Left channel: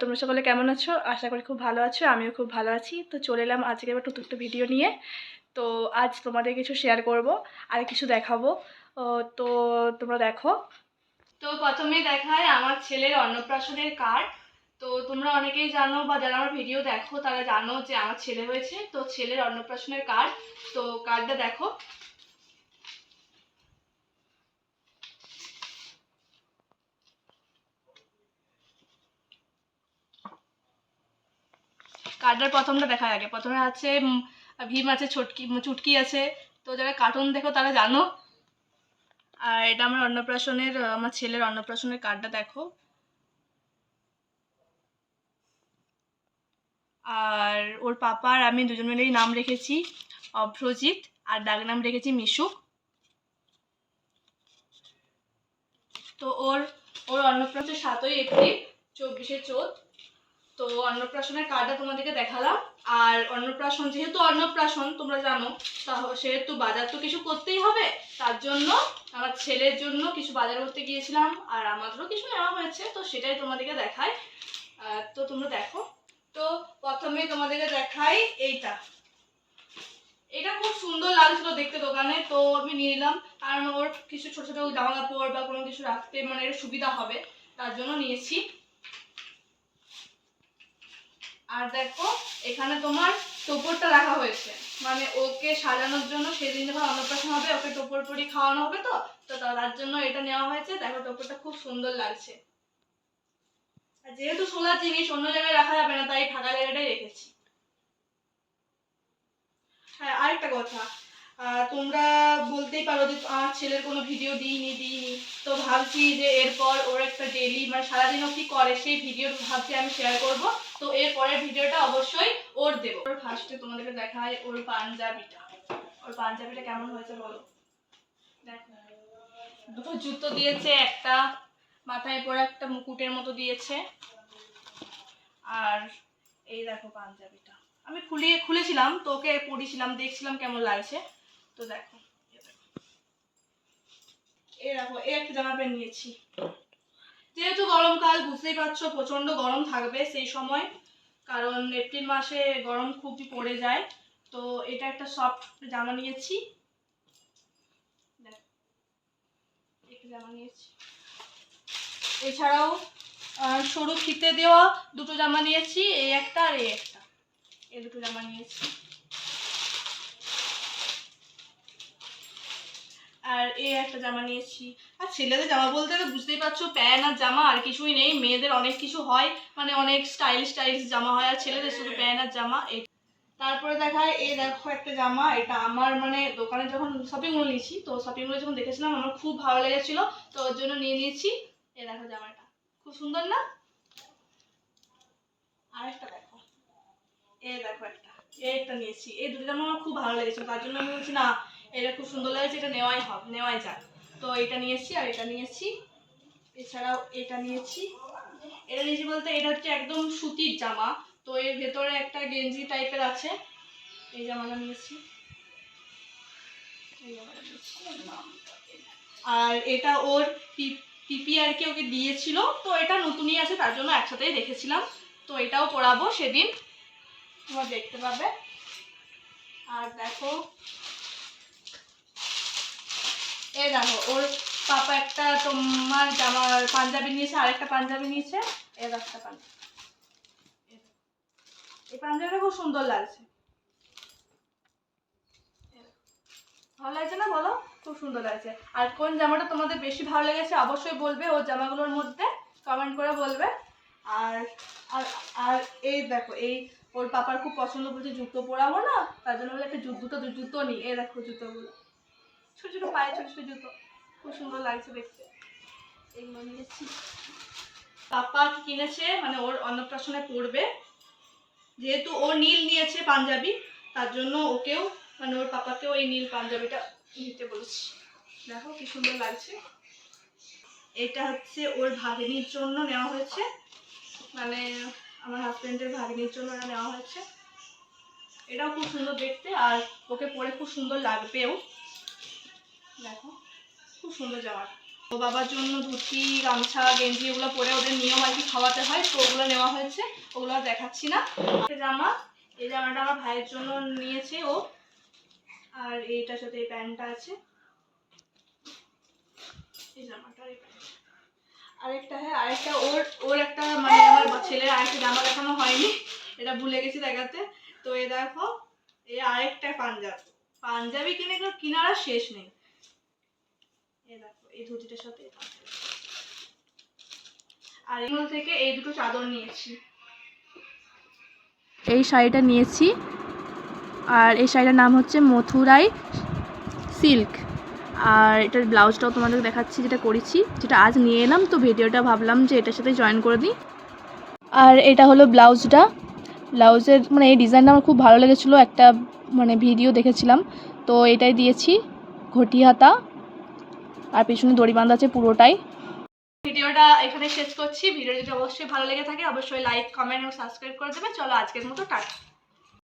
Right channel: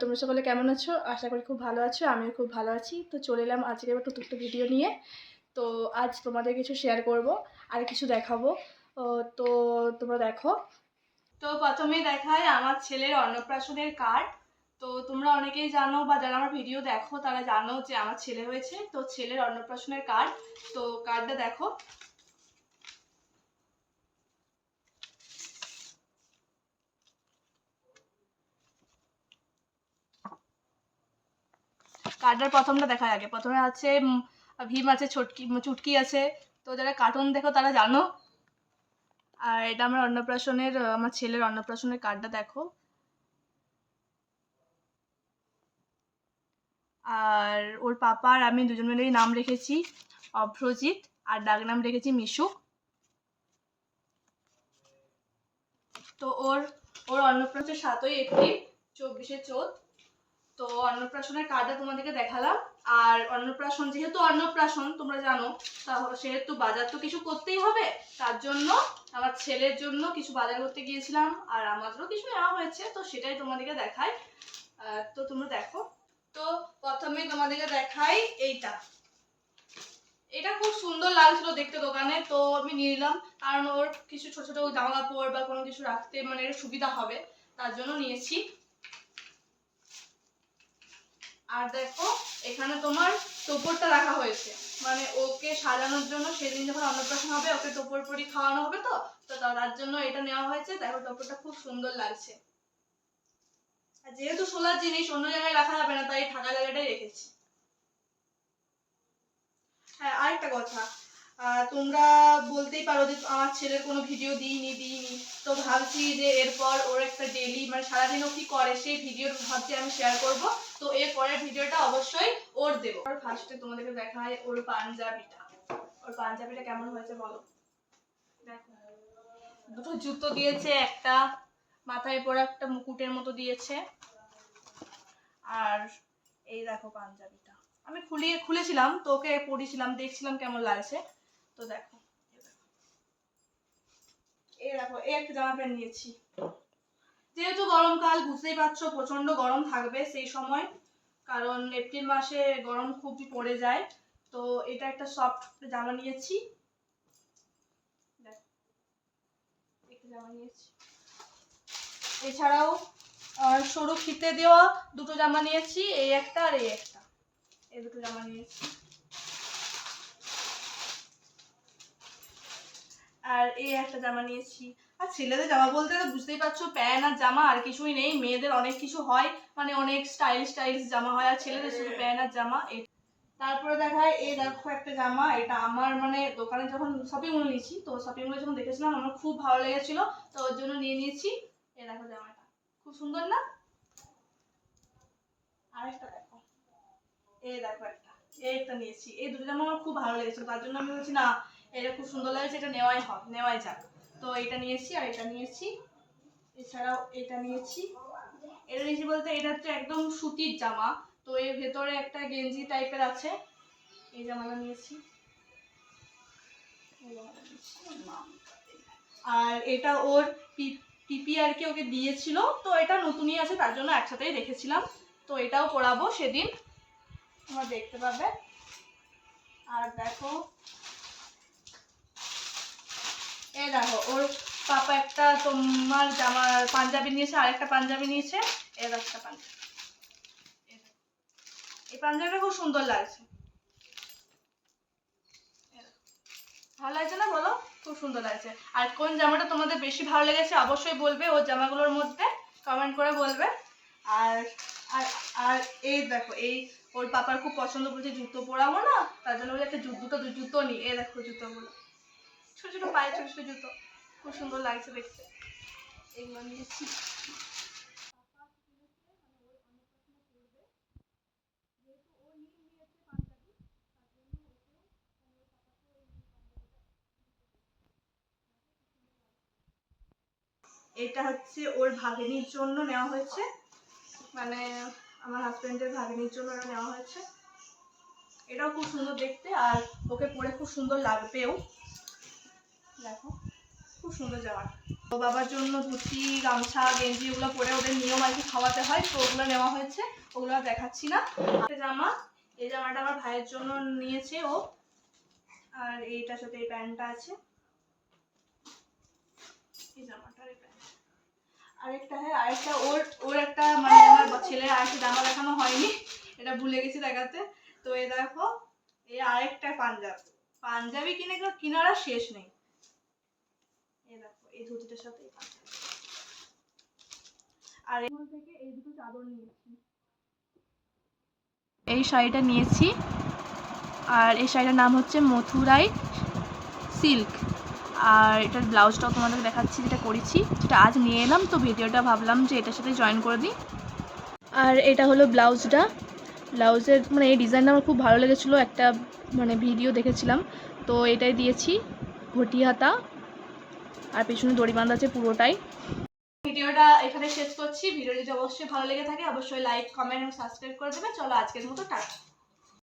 তোমরা সকলে কেমন আছো? আশা করি খুব ভালো আছো, আমিও খুব ভালো আছি। তো চলে এলাম আজকে এবার নতুন একটা ভিডিও নিয়ে। তো আজ তোমাদের কিছু শেয়ার করব, আর কিছু দেখাবো। তো তোমরা দেখো। তো প্রথমে দেখায় আমার ছেলের অন্নপ্রাশনের কার্ড তো তোমরা অনেকেই জানো বা যারা আমার ভিডিও দেখো, তারা জানো যে আমার ছেলে হয়েছে। তো ছেলের অন্নপ্রাশনের কার্ড তো কার্ডটা দেখো। কার্ডের প্রথমটা দেখা আগে। প্রথমে আছে ভীম আছে, ছটকি চুটকি আছে। তো যারা কার্টুন দেখো তারা জানো। আর এটা আমার অন্নপ্রাশনের আমার ছেলের অন্নপ্রাশনের কার্ডটা দেখো। আর ওর পাপা আর আমি দুজন মিলেই নাম রেখেছি, অভ্রজিৎ। আর ডাক নাম রেখেছি মিশু তো ওর ওর অন্নপ্রাশন সাতই এপ্রিল, চব্বিশে চোদ্দ তো অন্নপ্রাশনের কার্ডটা তোমাদেরকে দেখালাম। আর অন্নপ্রাশন যেহেতু অন্নপ্রাশন তোমরা জানো তা সেহেতু বাজার তো কিছু করতেই হবে। তার জন্য আমার ছেলের জন্য কিছু বাজার করতে গিয়েছিলাম আর আমাদেরও কিছু নেওয়া হয়েছে তো সেটাই তোমাদেরকে আহ, তো তোমরা দেখো। তো প্রথমে তোমাদেরকে দেখাই এইটা। এটা খুব সুন্দর লাগছিল দেখতে দোকানে তো আমি নিয়ে নিলাম। কারণ ওর কিছু ছোট ছোট জামা কাপড় বা কোনো কিছু রাখতে মানে সুবিধা হবে তার জন্য নিয়েছি। আর দেখো, এখানে তোমার টোপরটা রাখা হয়েছে। মানে ওকে সাজানোর জন্য সেদিন যখন অন্নপ্রাশন হবে, ওকে টোপর পরি খাওয়ানো হবে তো তো তার জন্য এটা নেওয়া হয়েছে। দেখো, টোপরটা খুব সুন্দর লাগছে। আর যেহেতু সোলার জিনিস, অন্য জায়গায় রাখা যাবে না, তাই ফাঁকা জায়গাটাই রেখেছি। হ্যাঁ আরেকটা কথা। তোমরা বলতেই পারো যে আমার ছেলের কোনো ভিডিও দিইনি দিইনি। তো ভাবছি যে এরপর ওর একটা ডেলি মানে সারাদিন ও কি করে, সেই ভিডিও ভাবছি আমি শেয়ার করব। তো এর পরের ভিডিওটা অবশ্যই ওর দেবো। ওর ফার্স্টে তোমাদেরকে দেখায় ওর পাঞ্জাবিটা। ওর পাঞ্জাবিটা কেমন হয়েছে বলো? দুটো জুতো দিয়েছে, একটা মাথায় পরে একটা মুকুটের মতো দিয়েছে। আর এই দেখো পাঞ্জাবিটা। আমি খুলিয়ে, খুলেছিলাম, তো ওকে দেখছিলাম কেমন লাগছে। তো দেখো এই দেখো। এই একটা জামা প্যান্ট নিয়েছি। গরমকাল বুঝতেই পারছ প্রচণ্ড গরম থাকবে সেই সময়। কারণ এপ্রিল মাসে গরম খুবই পড়ে যায়। তো এটা একটা সফট জামা নিয়েছি। জামা নিয়েছি। এছাড়াও সরু ফিতে দেওয়া দুটো জামা নিয়েছি, এই একটা আর এই একটা। এই দুটো জামা নিয়েছি। আর এই একটা জামা নিয়েছি। আর ছেলেদের জামা বলতে তো বুঝতেই পারছ, প্যান্ট আর জামা আর কিছুই নেই, মেয়েদের অনেক কিছু হয় মানে অনেক স্টাইলিশ স্টাইলিশ জামা হয়, আর ছেলেদের শুধু প্যান্ট আর জামা তারপরে দেখায়, এই দেখো একটা জামা, এটা আমার মানে দোকানে যখন শপিং মল নিয়েছি, তো শপিং মলে যখন দেখেছিলাম, আমার খুব ভালো লেগেছিল, তো ওর জন্য নিয়ে নিয়েছি। এই দেখো জামাটা, খুব সুন্দর না? আরেকটা দেখো এ দেখো একটা, এই একটা নিয়েছি, এই দুটো জামা আমার খুব ভালো লেগেছে তার জন্য আমি বলছি না এটা খুব সুন্দর লাগছে, এটা নেওয়াই হবে নেওয়াই যাক। তো এটা নিয়েছি আর এটা নিয়েছি। এছাড়াও এটা নিয়েছি। এটা নিয়েছি বলতে এটা হচ্ছে একদম সুতির জামা। তো এর ভেতরে একটা গেঞ্জি টাইপের আছে। এই জামাটা নিয়েছি। আর এটা ওর পিপি আর কি ওকে দিয়েছিল। তো এটা নতুনই আছে, তার জন্য একসাথেই রেখেছিলাম। তো এটাও পরাবো সেদিন। তোমরা দেখতে পাবে। আর দেখো এই দেখো, ওর পাপা একটা তোমার জামা, পাঞ্জাবি নিয়েছে আর একটা পাঞ্জাবি নিয়েছে এর একটা পাঞ্জাবি। এই পাঞ্জাবিটা খুব সুন্দর লাগছে। ভালো লাগছে না বলো? খুব সুন্দর লাগছে। আর কোন জামাটা তোমাদের বেশি ভালো লেগেছে অবশ্যই বলবে ওর জামাগুলোর মধ্যে কমেন্ট করে বলবে। আর আর আর এই দেখো, এই ওর পাপার খুব পছন্দ বলছে জুতো পরাবো না, তার জন্য বলে একটা জু- দুটো জুতো নিই। এই দেখো জুতোগুলো। ছোট ছোট পায়ে ছোট ছোট জুতো। খুব সুন্দর লাগছে দেখতে। এগুলো নিয়েছি পাপা কিনেছে? মানে ওর অন্নপ্রাশনে পড়বে। যেহেতু ও নীল নিয়েছে পাঞ্জাবি তার জন্য ওকেও মানে ওর পাপাকেও এই নীল পাঞ্জাবিটা নিতে বলেছি। দেখো কি সুন্দর লাগছে। এটা হচ্ছে ওর ভাগিনীর জন্য নেওয়া হয়েছে। মানে আমার হাজবেন্ডের ভাগিনীর জন্য এটা নেওয়া হয়েছে। এটাও খুব সুন্দর দেখতে আর ওকে পরে খুব সুন্দর লাগবেও। দেখো, খুব সুন্দর জামা। ও বাবার জন্য ধুতি, গামছা, গেঞ্জি, এগুলো পরে ওদের নিয়ম আর কি খাওয়াতে হয়, তো ওগুলো নেওয়া হয়েছে, ওগুলো আর দেখাচ্ছি না। জামা, এই জামাটা আমার ভাইয়ের জন্য নিয়েছে ও। আর এইটার সাথে এই প্যান্টটা আছে। এই জামাটা আর এই প্যান্ট। আরেকটা হ্যাঁ আরেকটা, ওর ওর একটা মানে আমার ছেলের আরেকটা জামা দেখানো হয়নি, এটা ভুলে গেছি দেখাতে। তো এ দেখো এই আরেকটা পাঞ্জাব। পাঞ্জাবি কিনে কিনার শেষ নেই। দেখো, এই ধুতিটার সাথে আর এগুলো থেকে এই দুটো চাদর নিয়েছি। এই শাড়িটা নিয়েছি। আর এই শাড়িটার নাম হচ্ছে মথুরাই সিল্ক। আর এটার ব্লাউজটাও তোমাদের দেখাচ্ছি, যেটা করেছি, যেটা আজ নিয়ে এলাম, তো ভিডিওটা ভাবলাম যে এটার সাথে জয়েন করে দিই। আর এটা হলো ব্লাউজটা। ব্লাউজের মানে এই ডিজাইনটা আমার খুব ভালো লেগেছিলো, একটা মানে ভিডিও দেখেছিলাম। তো এটাই দিয়েছি ঘটি হাতা আর পিছনে দড়ি বাঁধা আছে পুরোটাই। ভিডিওটা এখানে শেষ করছি। ভিডিও যদি অবশ্যই ভালো লেগে থাকে, অবশ্যই লাইক কমেন্ট এবং সাবস্ক্রাইব করে দেবে। চলো আজকের মতো টাটা।